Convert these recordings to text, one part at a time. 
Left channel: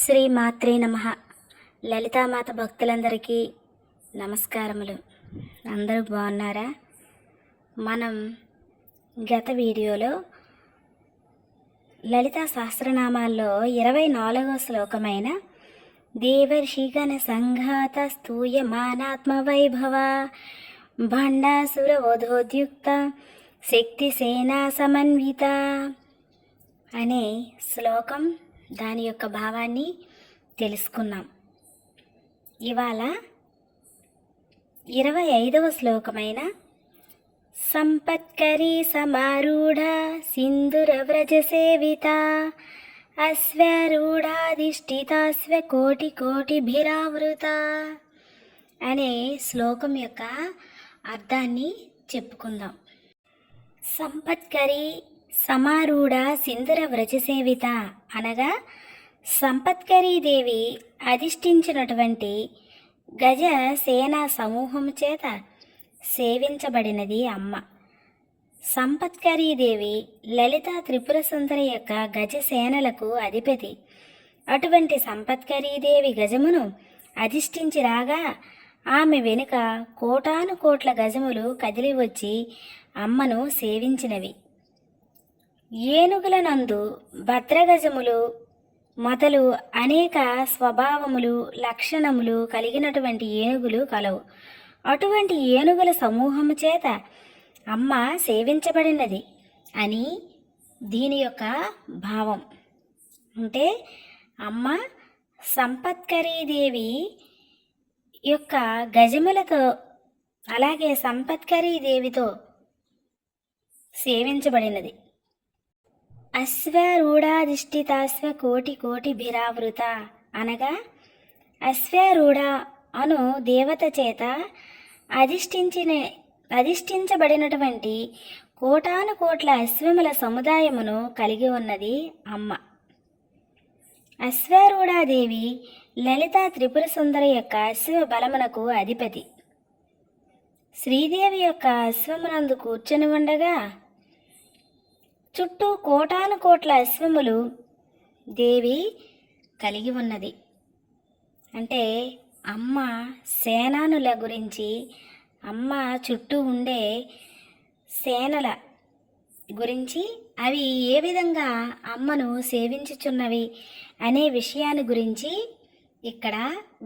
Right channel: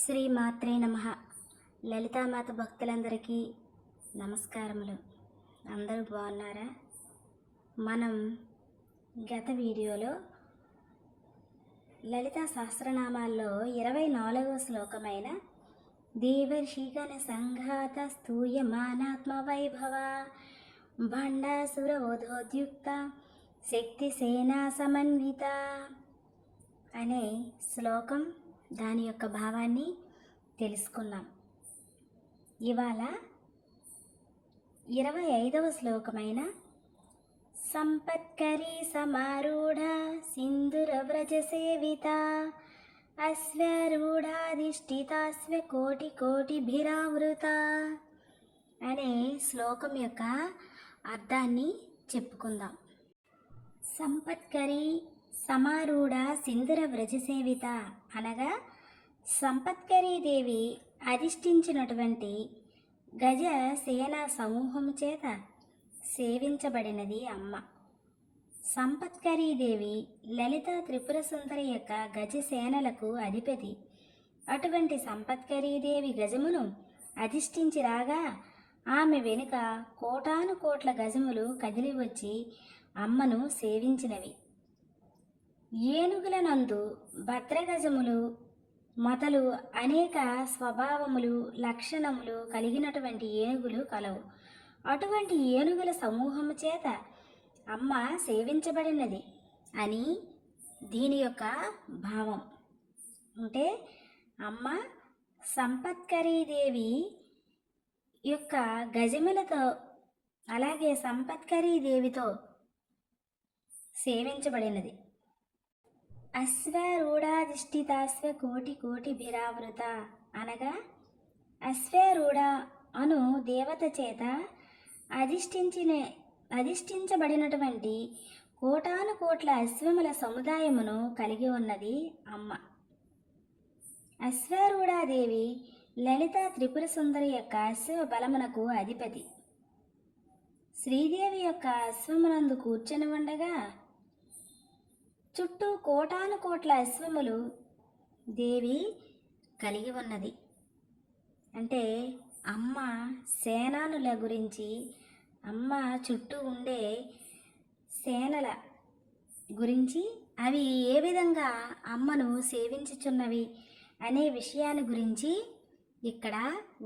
శ్రీ మాత్రే నమః. లలితామాత భక్తులందరికీ నమస్కారములు. అందరూ బాగున్నారా? మనం గత వీడియోలో లలితా సహస్రనామాల్లో 24వ శ్లోకమైన దేవర్షిగణ సంఘాత స్తూయమానాత్మ వైభవ భండాసుర వధోద్యుక్త శక్తి సేనా సమన్విత అనే శ్లోకం, దాని యొక్క భావాన్ని తెలుసుకున్నాం. ఇవాళ 25వ శ్లోకమైన సంపత్కరీ సమారూఢ సింధుర వ్రజ సేవిత అశ్వారూఢాధిష్ఠితాశ్వ కోటి కోటిభిరావృత అనే శ్లోకం యొక్క అర్థాన్ని చెప్పుకుందాం. సంపత్కరీ సమారూఢ సింధుర వ్రజసేవిత అనగా సంపత్కరీదేవి అధిష్ఠించినటువంటి గజ సేనా సమూహము చేత సేవించబడినది అమ్మ. సంపత్కరీదేవి లలితా త్రిపుర సుందరి యొక్క గజసేనలకు అధిపతి. అటువంటి సంపత్కరీదేవి గజమును అధిష్ఠించి రాగా ఆమె వెనుక కోటాను కోట్ల గజములు కదిలి వచ్చి అమ్మను సేవించినవి. ఏనుగుల నందు భద్రగజములు మొదలు అనేక స్వభావములు లక్షణములు కలిగినటువంటి ఏనుగులు కలవు. అటువంటి ఏనుగుల సమూహము చేత అమ్మ సేవించబడినది అని దీని యొక్క భావం. అంటే అమ్మ సంపత్కరీదేవి యొక్క గజములతో అలాగే సంపత్కరీదేవితో సేవించబడినది. అశ్వారూఢాధిష్ఠితాశ్వ కోటి కోటిభిరావృత అనగా అశ్వారూఢ అను దేవత చేత అధిష్ఠించబడినటువంటి కోటాను కోట్ల అశ్వముల సముదాయమును కలిగి ఉన్నది అమ్మ. అశ్వారూఢాదేవి లలితా త్రిపుర సుందరి యొక్క అశ్వ బలమునకు అధిపతి. శ్రీదేవి యొక్క అశ్వమునందు కూర్చొని ఉండగా చుట్టూ కోటాను కోట్ల అశ్వములు దేవి కలిగి ఉన్నది. అంటే అమ్మ సేనానుల గురించి, అమ్మ చుట్టూ ఉండే సేనల గురించి, అవి ఏ విధంగా అమ్మను సేవించుచున్నవి అనే విషయాన్ని గురించి ఇక్కడ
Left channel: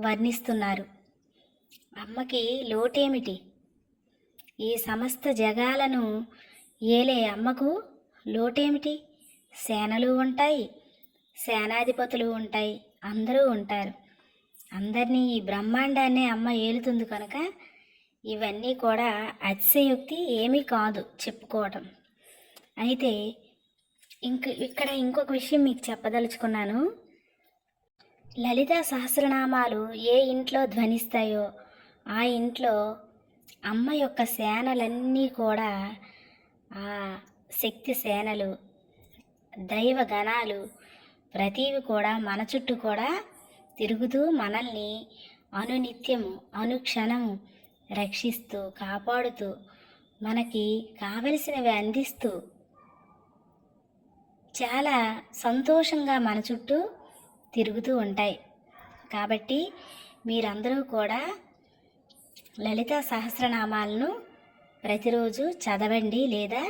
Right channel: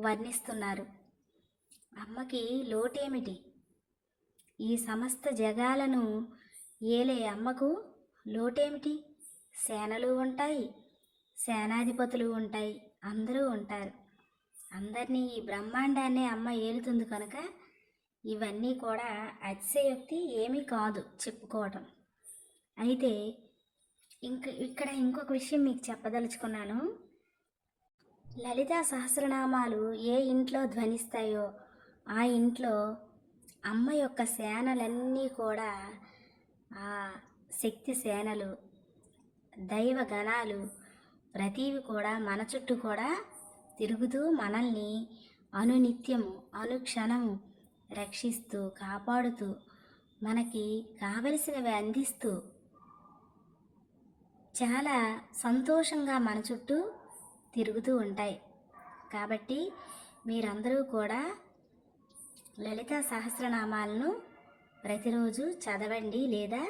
వర్ణిస్తున్నారు. అమ్మకి లోటేమిటి? ఈ సమస్త జగాలను ఏలే అమ్మకు లోటేమిటి? సేనలు ఉంటాయి, సేనాధిపతులు ఉంటాయి, అందరూ ఉంటారు. అందరినీ ఈ బ్రహ్మాండాన్ని అమ్మ ఏలుతుంది కనుక ఇవన్నీ కూడా అతిశయోక్తి ఏమీ కాదు చెప్పుకోవటం. అయితే ఇక్కడ ఇంకొక విషయం మీకు చెప్పదలుచుకున్నాను. లలితా సహస్రనామాలు ఏ ఇంట్లో ధ్వనిస్తాయో ఆ ఇంట్లో అమ్మ యొక్క సేనలన్నీ కూడా ఆ శక్తి సేనలు, దైవ గణాలు ప్రతివి కూడా మన చుట్టూ కూడా తిరుగుతూ మనల్ని అనునిత్యము అనుక్షణము రక్షిస్తూ కాపాడుతూ మనకి కావలసినవి అందిస్తూ చాలా సంతోషంగా మన చుట్టూ తిరుగుతూ ఉంటాయి. కాబట్టి మీరందరూ కూడా లలితా సహస్రనామాలను ప్రతిరోజు చదవండి లేదా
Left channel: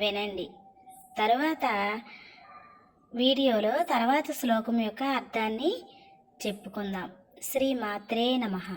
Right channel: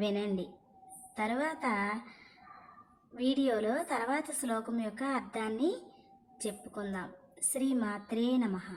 వినండి. తర్వాత వీడియోలో తర్వాత శ్లోకం యొక్క అర్థాన్ని చెప్పుకుందాం. శ్రీ మాత్రే నమః.